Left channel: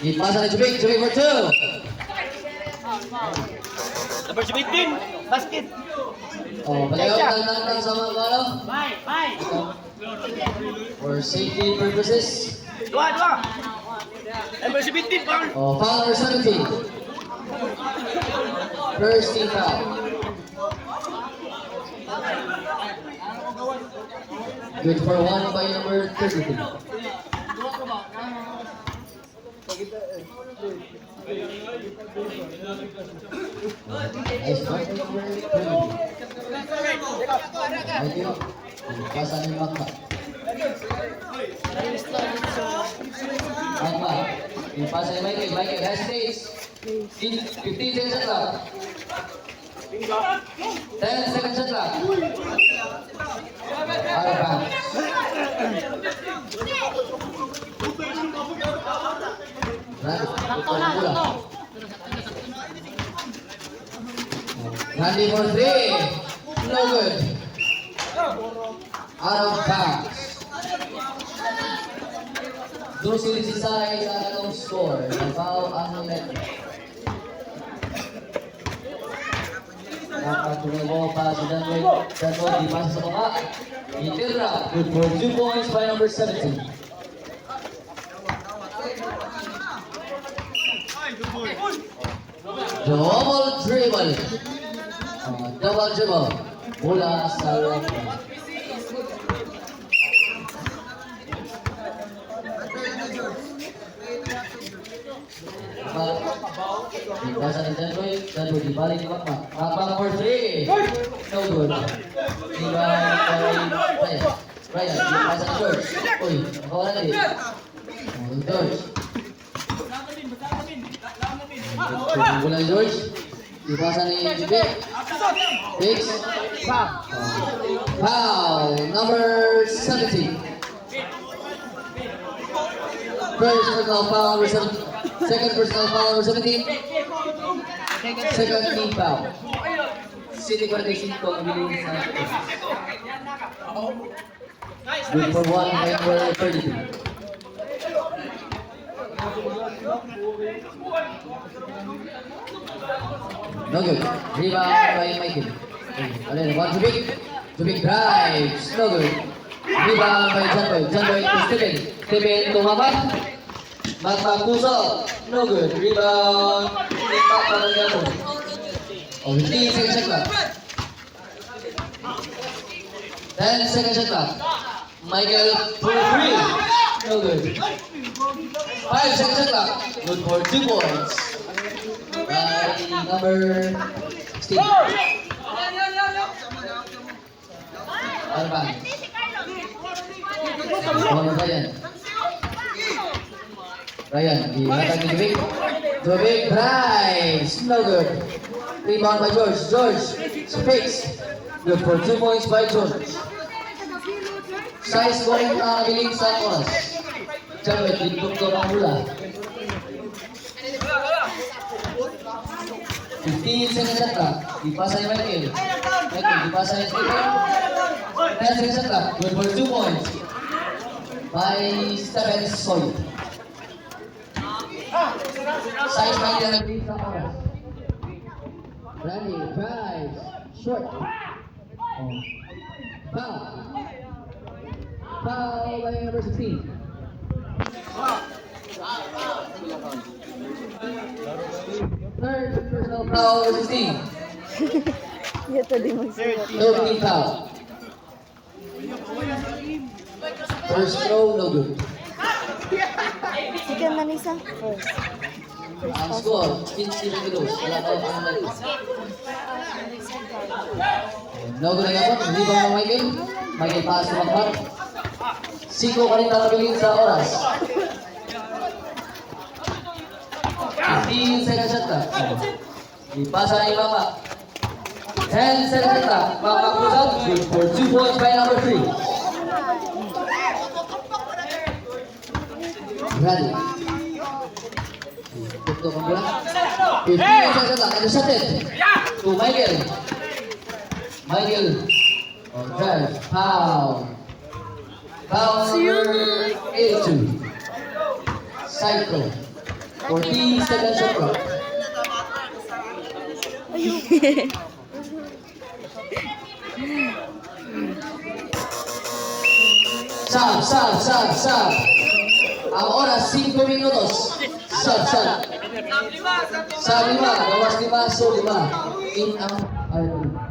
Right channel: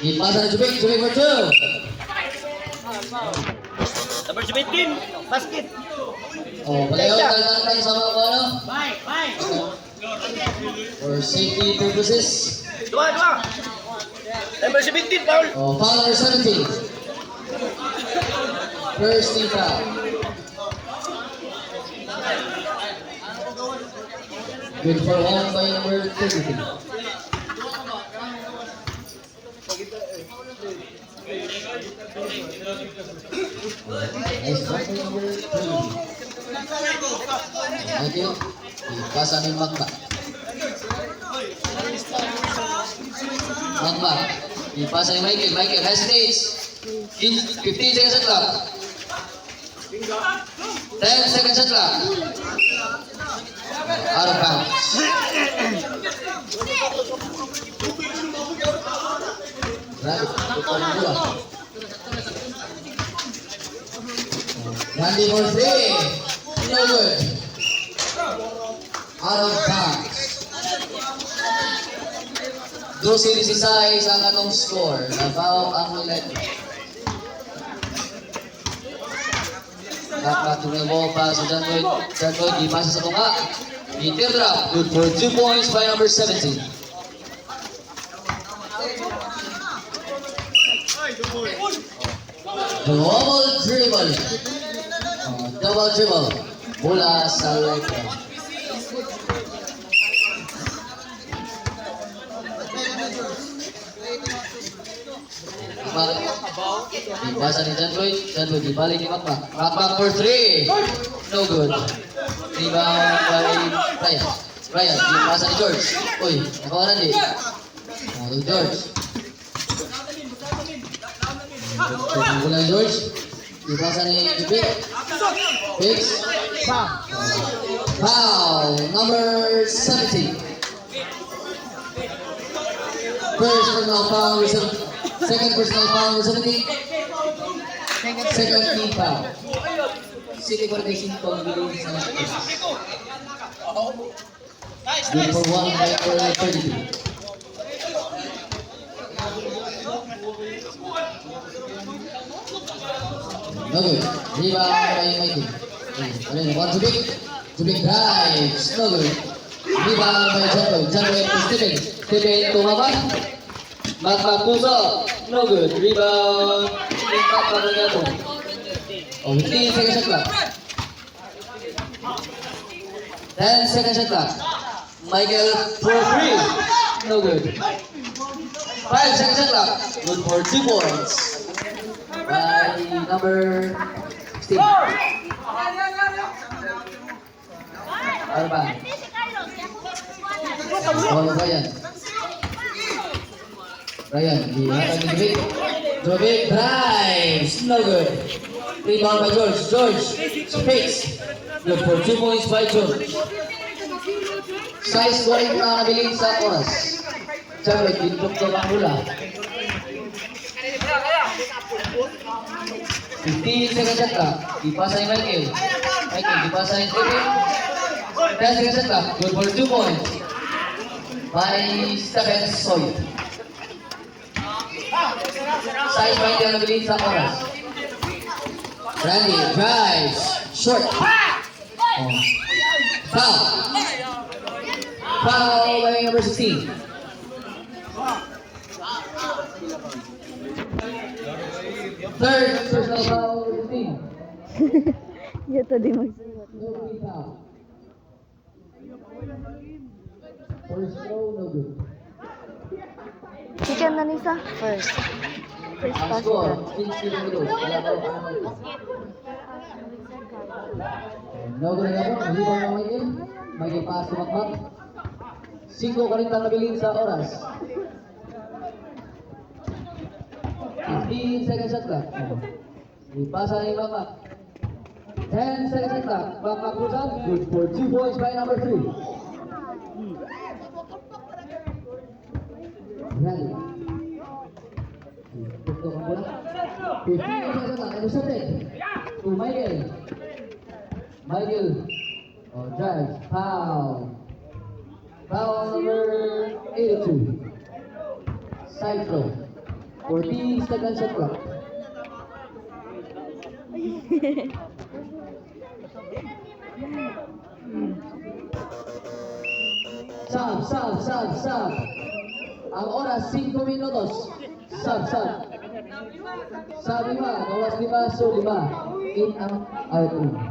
Ipasa na Jubik. Jubik for 2. Number 17, basket. Oh, balayaw tang sama ko ano? Bye. For safety purposes. Dua. Number 17, foul. Oh, foul number 17. First team foul. Good for 1 by number 32. Nice one by number 32. Ay, kino. Ipasa ni Magma. Magma. Ipasa ni Michael. Michael hesitates. 15 seconds at clock. 10 seconds at clock. Out of bounds. Randy for 3. No good. Out of bounds. 12-16 ang atong score. Nabaw ang ulit. Nakatuloy mo pa sa John Lloyd. John Lloyd, di pasa sa tunga. Teardrop. Good for 2 points by number 17. Double dribble. Double dribble. Mula sa left. Dipasa ni John Lloyd. John Lloyd dibalik ni Makmak. Makmak for 3. No good. Diba kay Ryan. Dipasa ni George. Uy, nakawaran din. Ay, George. Tunggulan ni George. Dipasa ni Jibik. Fix. Foul. Number 17. First personal foul number 17. Second personal foul number 17. Second team foul. City 45 ang bilis sa good for 1 by number 32. No good. Rebound by Michael. Alin, one Jubik. Jubik drives. No good. Rebound by John Lloyd. John Lloyd to Steven. Steven tumabak. Magma puso. No good. Rebound. Impact para gato. Oh, 15 seconds shot clock. 10 seconds shot clock. Michael for 3. No good. 5 seconds shot clock. Good for 2 points. By number 16. Ano ba? Ano ba yan? Ryan, dihatag ni Jubik. Jubik drives. No good. Rebound by George. George speaks. Good for 2 points by George. Size scoring na nabiling sa oras. Jabek, dindok daw ang hula. 15 seconds at clock. Dipasa ni Michael. Michael, dipasa ni Stephen. 10 seconds at clock. Good for 2 points by Stephen Soy. Size by the nabiling sa oras. Randy drives. Short. Foul. Foul by number 16. Third personal foul number 16. Ya tadi magsulat. Third team foul. First throw, no good. Chicken na Nisa. First Ang pass. score, 15-22. Wala daw ang natin. No good na nga po. Rebound ng Michael. Michael pass to Makmak. 5 ka rin nakabiling sa oras. 15 seconds shot clock. Ipasa na yung Makmak. 10 seconds shot clock. Makmak goes out. Good for 2 points by number 3. Rally. Tutok ang bola. 15 seconds shot clock. Intercepted. To Michael. Michael. Oh, drive. Foul. Foul number 82. Side throw. 40 seconds shot clock. Sab. Ang oras, 5 minutos. Sab. Sa 5, gawas 5, so 5. In ang out.